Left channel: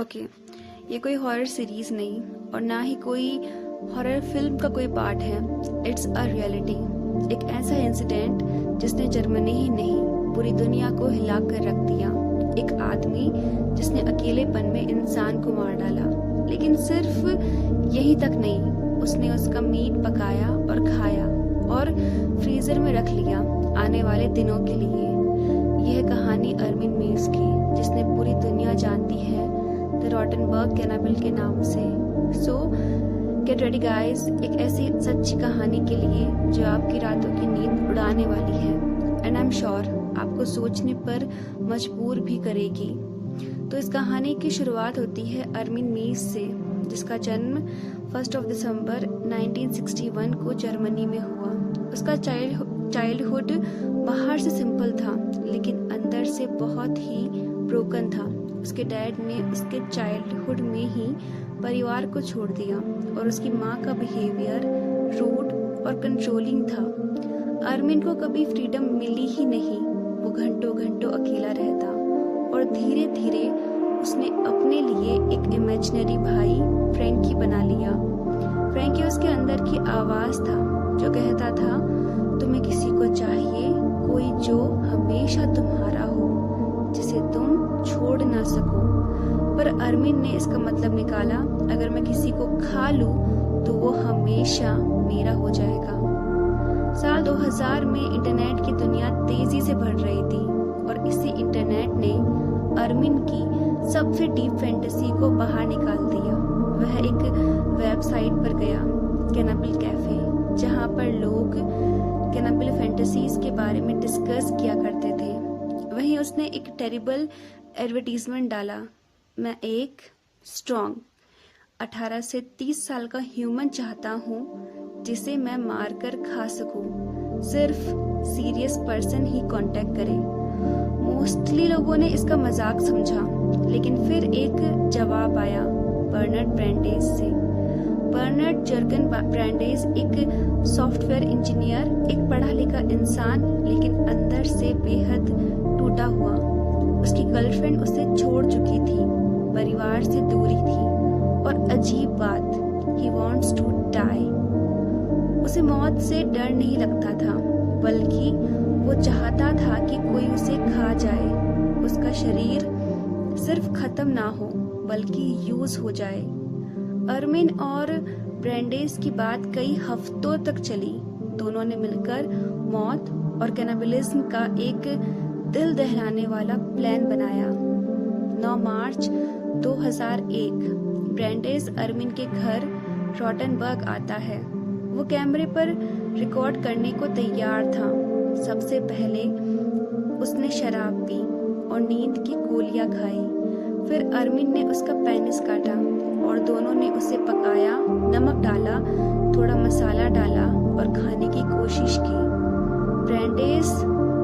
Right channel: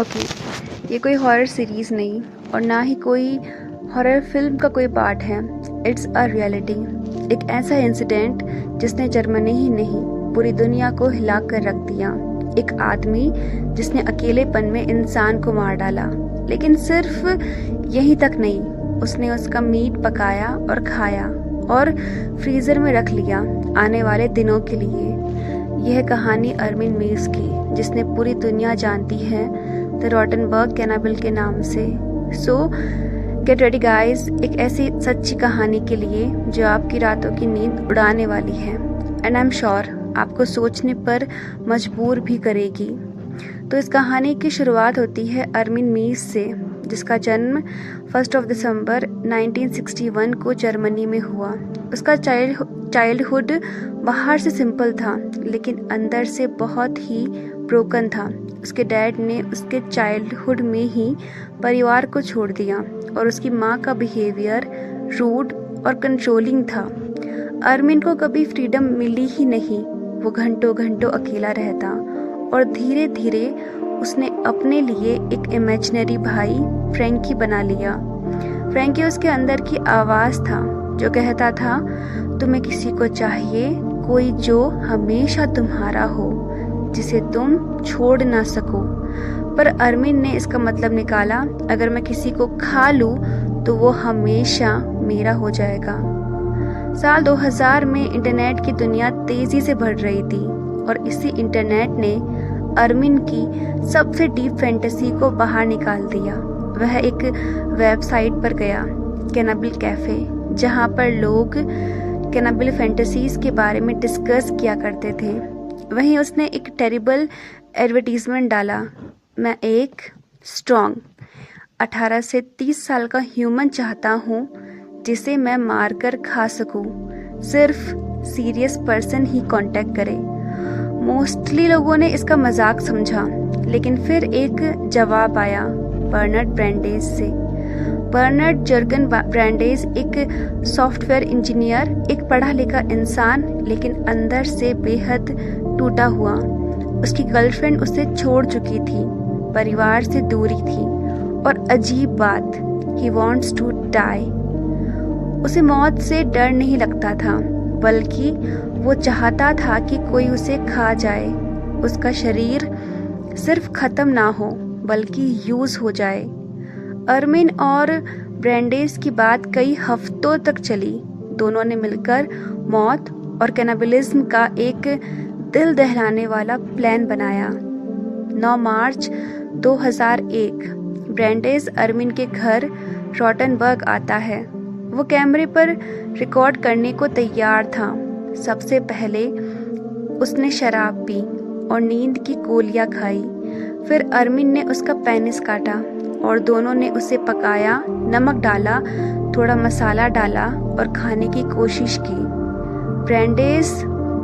Okay, ये कोई horror series नहीं और ना ही कोई हॉरर फिल्म का कोई पार्ट है। It's a reality. एक ऐसा इंसिडेंट जिसने जर्मनी ही नहीं पूरी दुनिया को हिला कर रख दिया। एक आदमी जिसने अकेलेपन में इंसान को मार डाला, लेकिन सिर्फ यही तक नहीं, उसने उसका मीट पकाया और खाया और फ्रीज़र में रख लिया आने वाले दिनों के लिए। यह कहानी अर्मिन मीव्स की, जिसने पूरी दुनिया जानती है द रॉटनबर्ग कैनाबल के नाम से। सो गेट रेडी गाइस, एक ऐसी सच्ची कहानी के लिए जो आपकी रातों की नींद उड़ाने वाली है एंड आई एम श्योर आपको सोचने पर मजबूर भी करेगी। तो इस कहानी की शुरुआत होती है अर्मिन मीव्स से, जिसका जन्म 1 दिसंबर 1961 को जर्मनी में हुआ। उसका चाइल्डहुड बाहर से सिंपल था, लेकिन अंदर से बहुत ही ब्रोकन था। उसके डैड ने उसके चाइल्डहुड में ही परिवार को छोड़ दिया और उसकी माँ का बिहेवियर रूड और कंट्रोलिंग था। अर्मिन को कभी फ्रीडम मिली ही नहीं। वो घंटों घंटों अकेला रहता और धीरे धीरे उसने अपने लिए एक इमेजिनरी भाई फ्रैंकी बना लिया। फ्रैंकी उसके अंदर की आवाज़ था जो कहता था, तुम्हें किसी को चाहिए, कोई जो हमेशा तुम्हारा हो, जिसे तुम छोड़ ना सको। पर अर्मिन ने इसका मतलब निकाला, अगर मैं किसी को खा लूँ तो वो हमेशा मेरा हो जाएगा। साल 2000 में इंटरनेट की दुनिया तेजी से बढ़ रही थी और इसी इंटरनेट ने अर्मिन की सबसे डीप फैंटेसी को बाहर निकाल दिया। वह एक वेबसाइट पर गया, कैनाबल कैफे, जहाँ पर लोग कैनाबल फैंटेसीज के बारे में डिस्कस किया करते थे। वहीं उसने एक टेरिबल एडवर्टीजमेंट डाला, मैं एक स्ट्रॉन्ग 18 से 30 साल का ह्यूमन चाहता हूँ जिसे मैं मारकर खा सकूं। सिर्फ सीरियस पर्सन ही कांटेक्ट करे। मोस्टली लोगों ने इसका मजाक समझा, लेकिन फिर एक जवाब आया बर्नार्ड ब्रैंडेज से। बर्नार्ड जर्गन ब्रैंडेज एक सॉफ्टवेयर इंजीनियर, एक पढ़ा लिखा इंसान, लेकिन अंदर से बेहद टूटा हुआ। उसकी गर्लफ्रेंड उसे छोड़ चुकी थी, परिवार से दूरी थी और अजीब बात, ही वॉन्ट्स टू डाई। उसे मौत से डर नहीं लगता था, बल्कि वो चाहता था कि कोई उसे खा जाए। उसका शरीर सिर्फ खत्म ना हो, बल्कि यूज हो जाए। अर्मिन और ब्रैंडेज की बात कई हफ्तों तक चली। दोनों ने मिलकर मौत और कैनाबलिज्म का एक दिल दहलाने वाला प्लान बनाया। 9 मार्च 2001 ब्रैंडेज अर्मिन के घर रॉटनबर्ग आता है। वो कैमरे पर रिकॉर्ड करने को तैयार था। सबसे पहले उसने शराब पी और नींद की गोलियां खाई। फिर अर्मिन ने उसका पेनिस काटा और दोनों ने उसे पकाया, नमक डाला, थोड़ा मसाला डाला और खाने की कोशिश की। ब्रैंडेज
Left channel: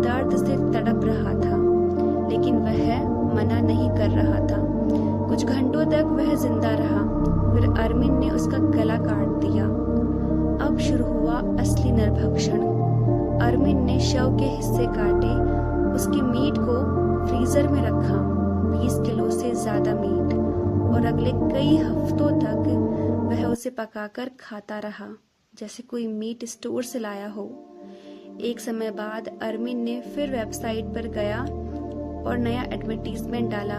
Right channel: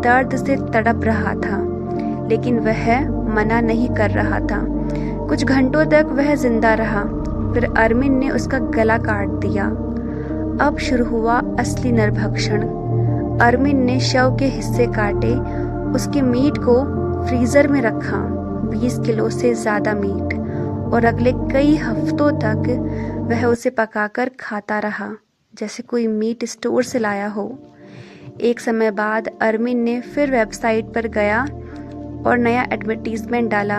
दर्द से तड़प रहा था, लेकिन वह मना नहीं कर रहा था। कुछ घंटों तक वह जिंदा रहा, फिर अर्मिन ने उसका गला काट दिया। अब शुरू हुआ असली नरभक्षण। अर्मिन ने शव के हिस्से काटे, उसके मीट को फ्रीजर में रखा, 20 किलो से ज्यादा मीट, और अगले कई हफ्तों तक वह उसे पकाकर खाता रहा जैसे कोई मीट स्टोर से लाया हो। एक समय बाद अर्मिन ने फिर वेबसाइट पर गया और नया एडवर्टीजमेंट डाला।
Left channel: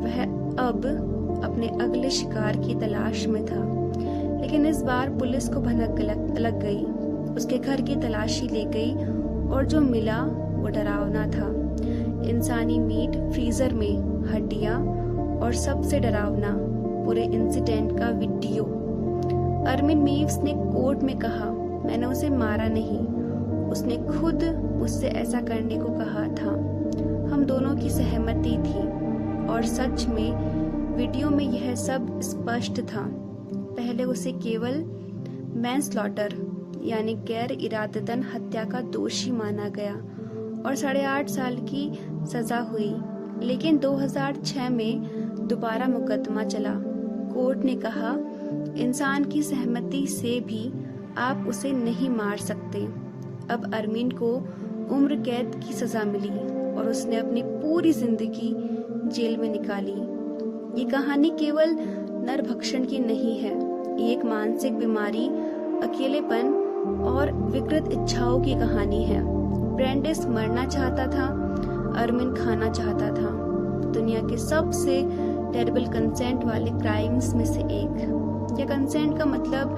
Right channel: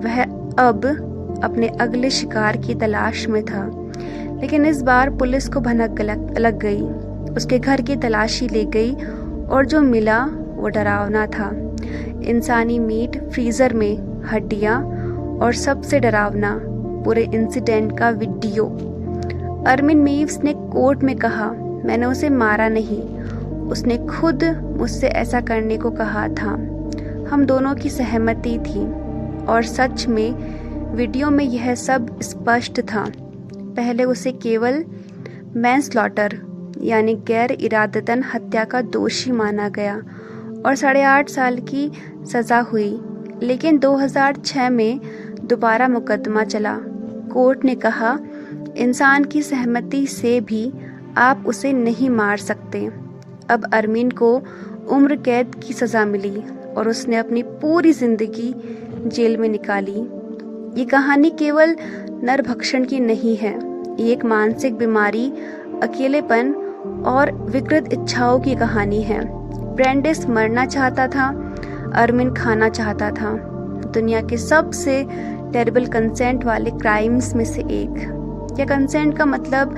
वह अब अपने अगले शिकार की तलाश में था, लेकिन इस बार पुलिस को भनक लग गई। उसके घर की तलाशी ले गई और जो मिला वो डरावना था। इंसानी मीट फ्रीजर में, हड्डियां और सबसे डरावना, पूरे इंसिडेंट का वीडियो। अर्मिन मीव्स ने कोर्ट में कहा, मैंने उसे मारा नहीं, उसने खुद मुझसे ऐसा करने को कहा था। हम दोनों की सहमति थी और सच में वीडियो में यह सब स्पष्ट था। पहले उसे केवल मैनस्लॉटर यानी गैर इरादतन हत्या का दोषी माना गया और 8.5 साल की सजा हुई। लेकिन 2006 में दोबारा मुकदमा चला। कोर्ट ने कहा, इंसान की सहमति से भी आप उसे नहीं मार सकते। अब अर्मिन को उम्र कैद की सजा मिली और उसने अपनी पूरी जिंदगी जेल में निकाली। ये कहानी केवल नरभक्षण की नहीं है, ये एक मानसिक बीमारी, अकेलेपन और विकृत इच्छाओं की कहानी है। ब्रेंडिस मरना चाहता था, अरमिन खाना चाहता था, दुनिया के सबसे टेरिबल कंसेंट वाले क्राइम्स में से एक। क्या कंसेंट का मतलब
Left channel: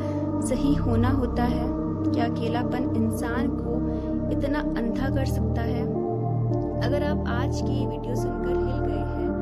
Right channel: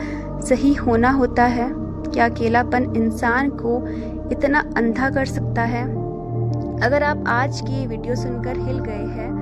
सही होना होता है? क्या अकेलापन इंसान को इतना अंधा कर सकता है? अगर आप आज की वीडियो सुनकर हिल गए हैं